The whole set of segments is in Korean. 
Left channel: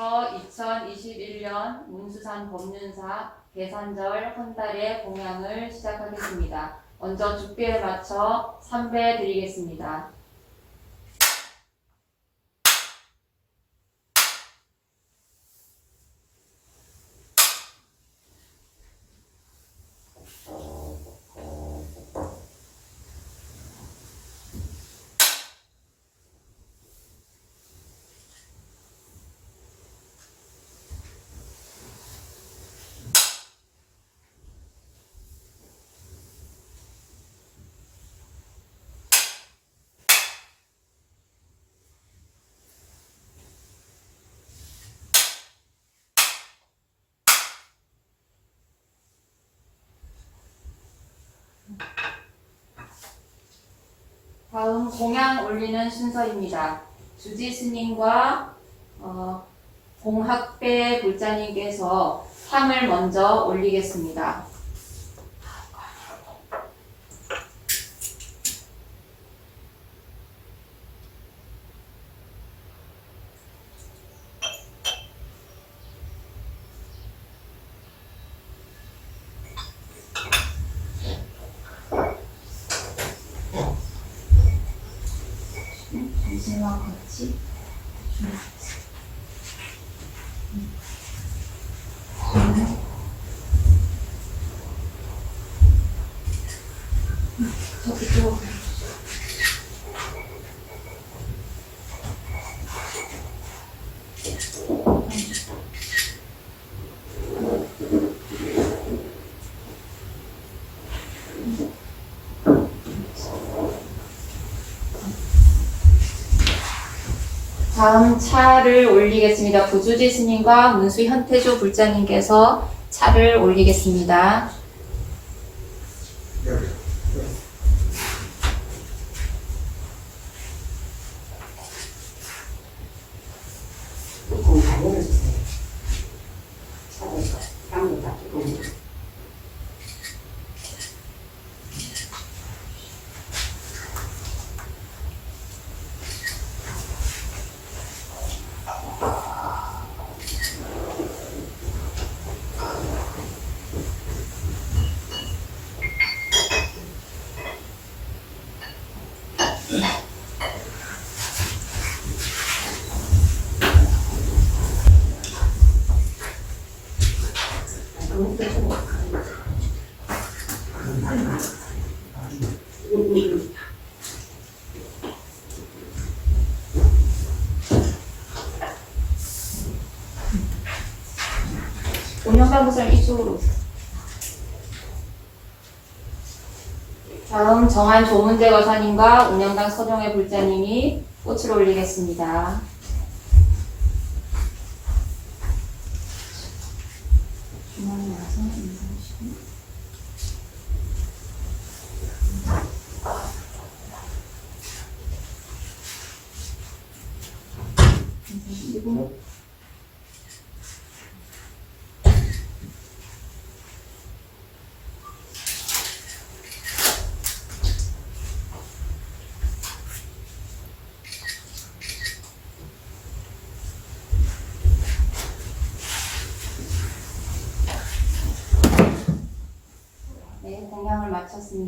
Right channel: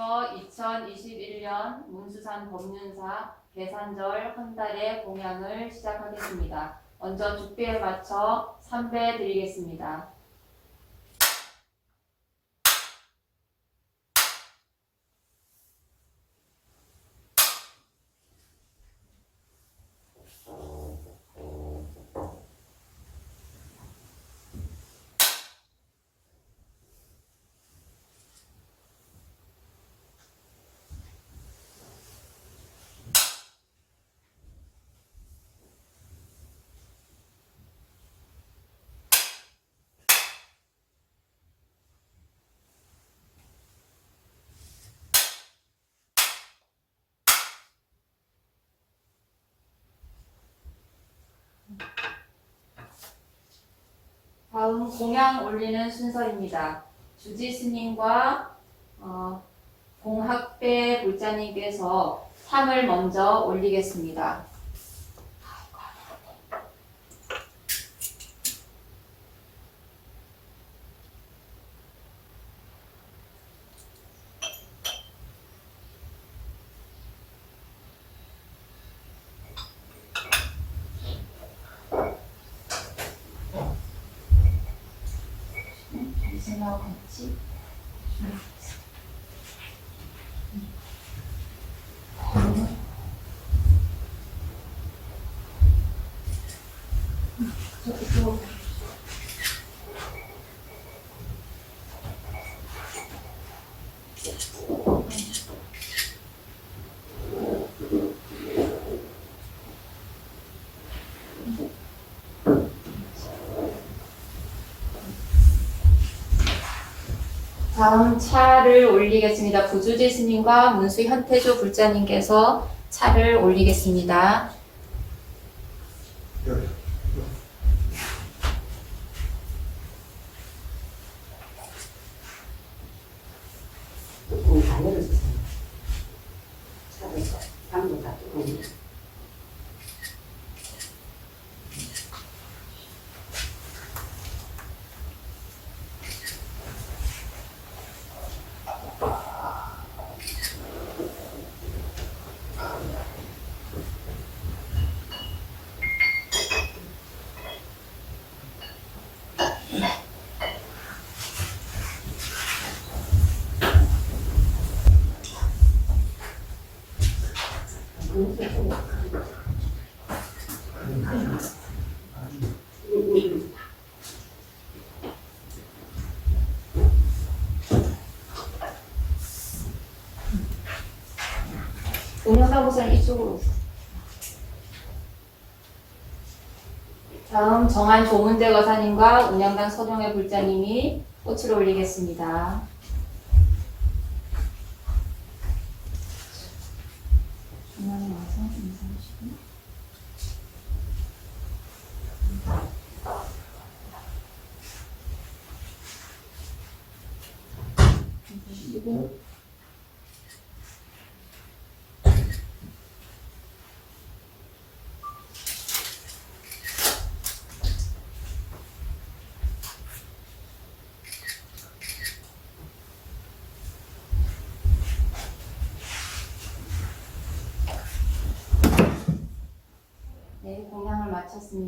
지금부터 2021년 문수산 법륜사 계산절 한 달의 공양을 시작하겠습니다. 먼저 죽비에 맞춰 3배 드리겠습니다. 다음 공양 올리는 순서입니다. 주지 스님과 어, 공학배 불자님께서 향을 먼저 올리겠습니다. 당신하고 같이 저 이쪽 다음 차를 올리겠습니다. 부주지 스님과 문수 현태주 불자님께서 차를 올리겠습니다. 공다 내려주세요. 차를 향도 다. 운영사무소는 이쪽으로. 다음 정한 조문대 거사님과 운영당 서정혜 불자님이 꽃을 올리겠습니다. 중앙에 와서 인사하시고 네, 공양을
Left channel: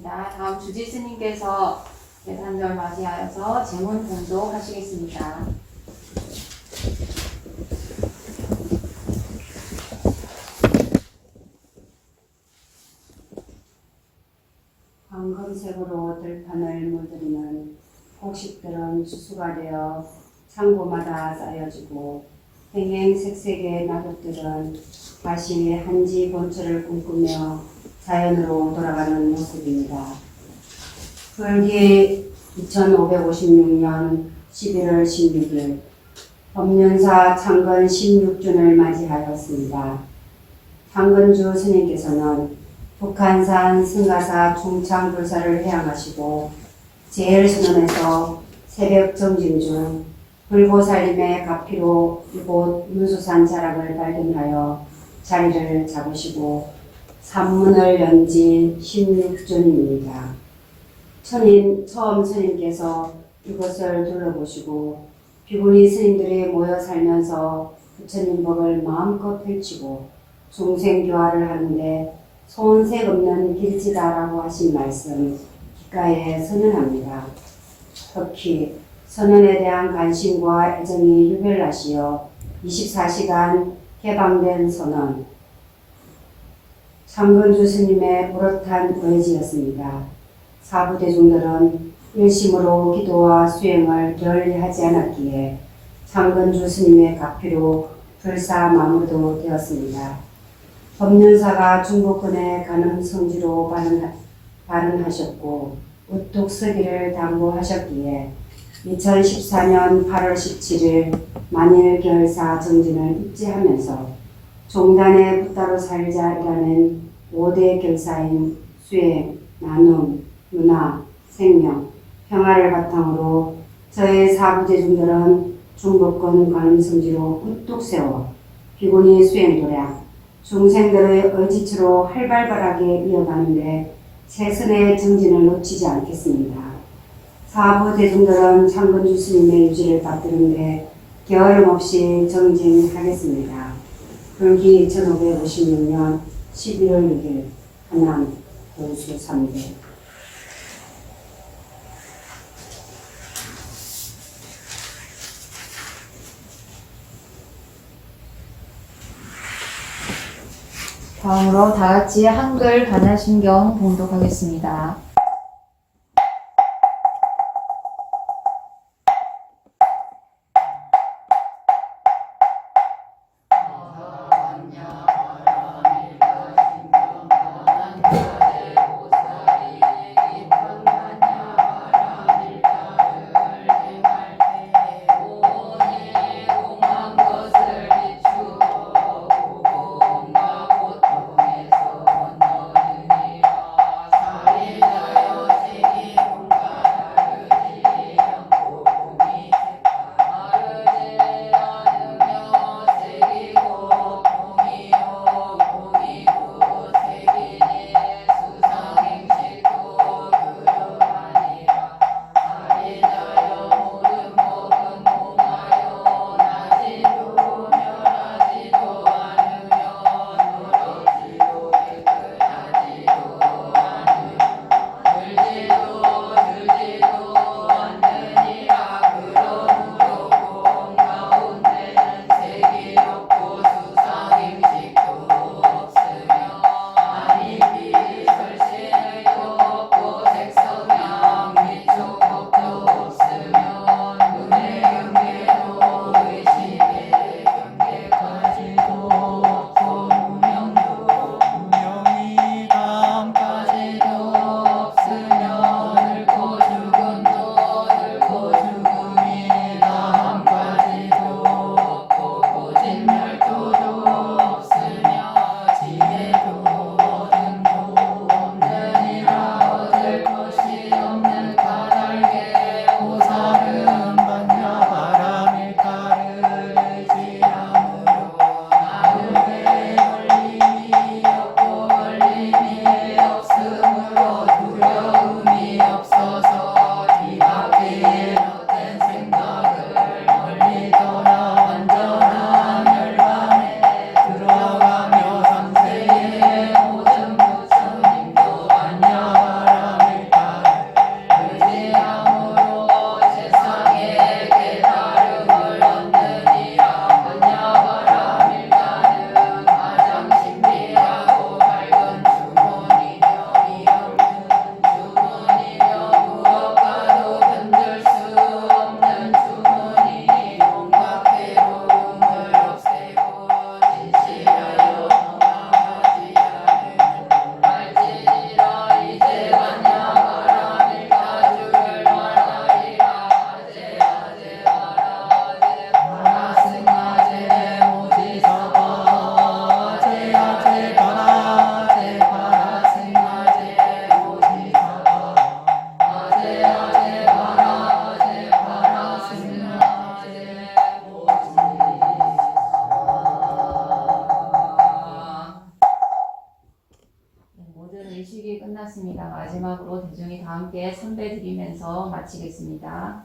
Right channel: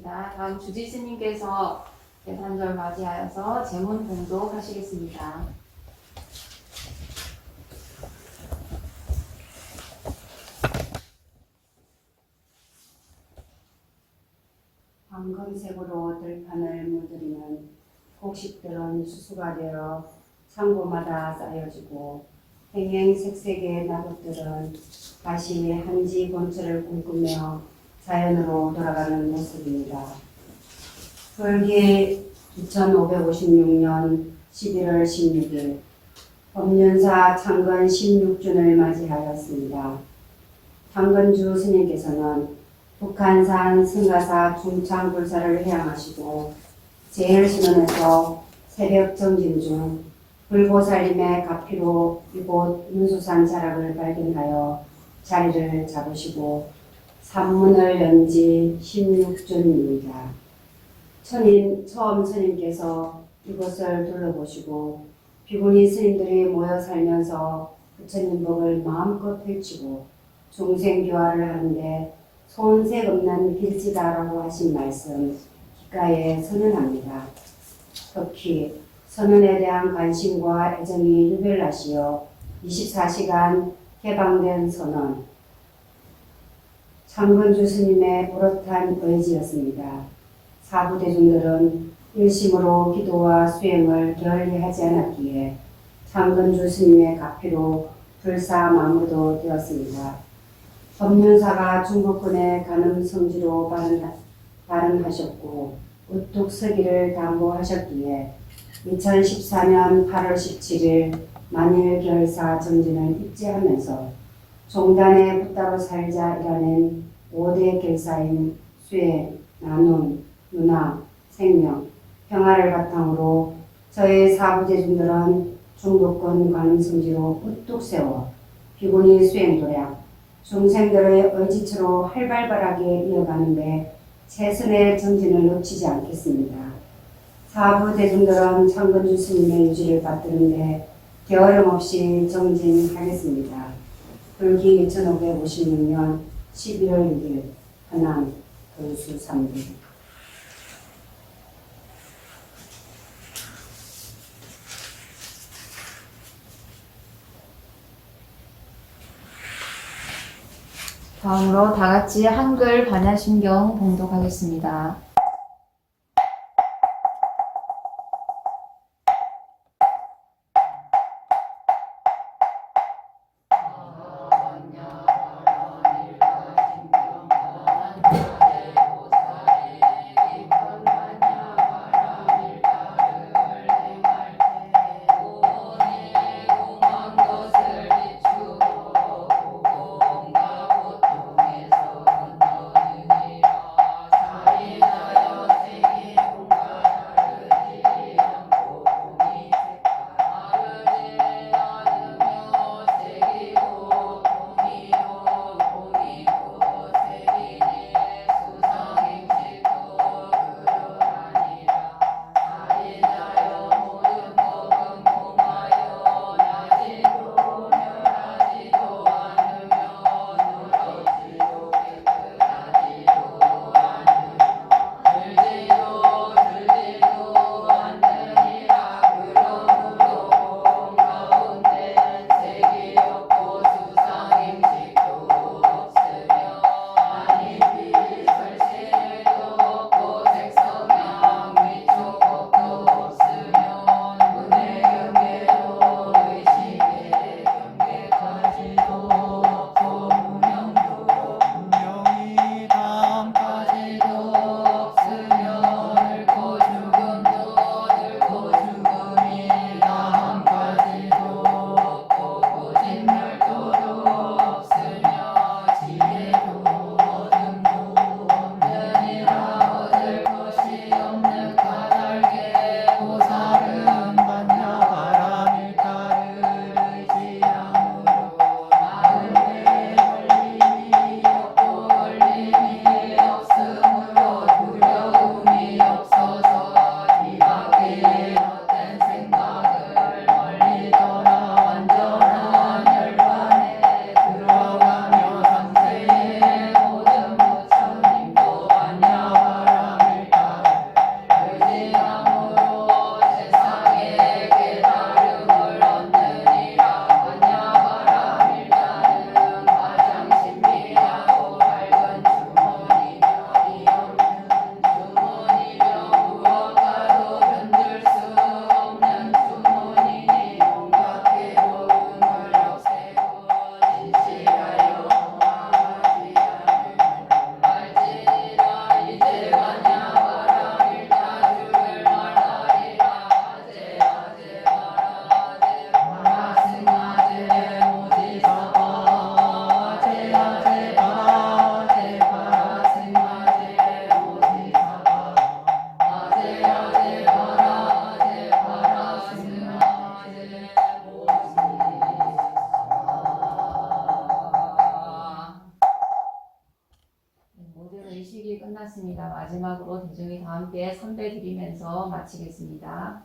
마쳤습니다. 다음 주지 스님께서 대산절 맞이하여서 제문 공독하시겠습니다. 황금색으로 들판을 물들이는 곡식들은 수수가 되어 창고마다 쌓여지고 행행색색의 나뭇들은 다시 한지 본처를 꿈꾸며 자연으로 돌아가는 모습입니다. 불기 2556년 11월 16일 법륜사 창건 16준을 맞이하였습니다. 창건주 스님께서는 북한산 승가사 중창불사를 해양하시고 제일순원에서 새벽 정진 중 불보살님의 가피로 이곳 문수산 자락을 발견하여 자리를 잡으시고 산문을 연지 16존입니다. 천인, 처음 스님께서 이곳을 둘러보시고 비구니 스님들이 모여 살면서 부처님 법을 마음껏 펼치고 중생교화를 하는데 손색 없는 길지다라고 하신 말씀 귓가에 선언합니다. 특히 선언에 대한 관심과 애정이 유별나시어 24시간 개방된 선언 창건주 스님의 오롯한 의지였습니다. 사부 대중들은 일심으로 기도와 수행을 게을리 하지 않았기에 창건주 스님의 가피로 불사 마무리도 되었습니다. 법륜사가 중국군의 간음 성지로 발언하, 발언 하셨고 우뚝 서기를 당부하셨기에 2014년 8월 17일 만일 결사 정진을 입지하면서 종단에 붙다로 살자이라는 5대 결사인 수행, 나눔, 문화, 생명, 평화를 바탕으로 저의 사부대중들은 중국군 관음성지로 우뚝 세워 비구니 수행 도량, 중생들의 의지처로 활발하게 이어가는데 최선의 정진을 놓치지 않겠습니다. 사부 대중들은 창건주 스님의 유지를 받드는데 게으름 없이 정진하겠습니다. 불기 1556년 11월 6일 하남 도수 3대 다음으로 다 같이 한글 반야심경 봉독하겠습니다. 끝났습니다. 마지막으로 대중이 다 함께 삼배 드리면서 마치겠습니다.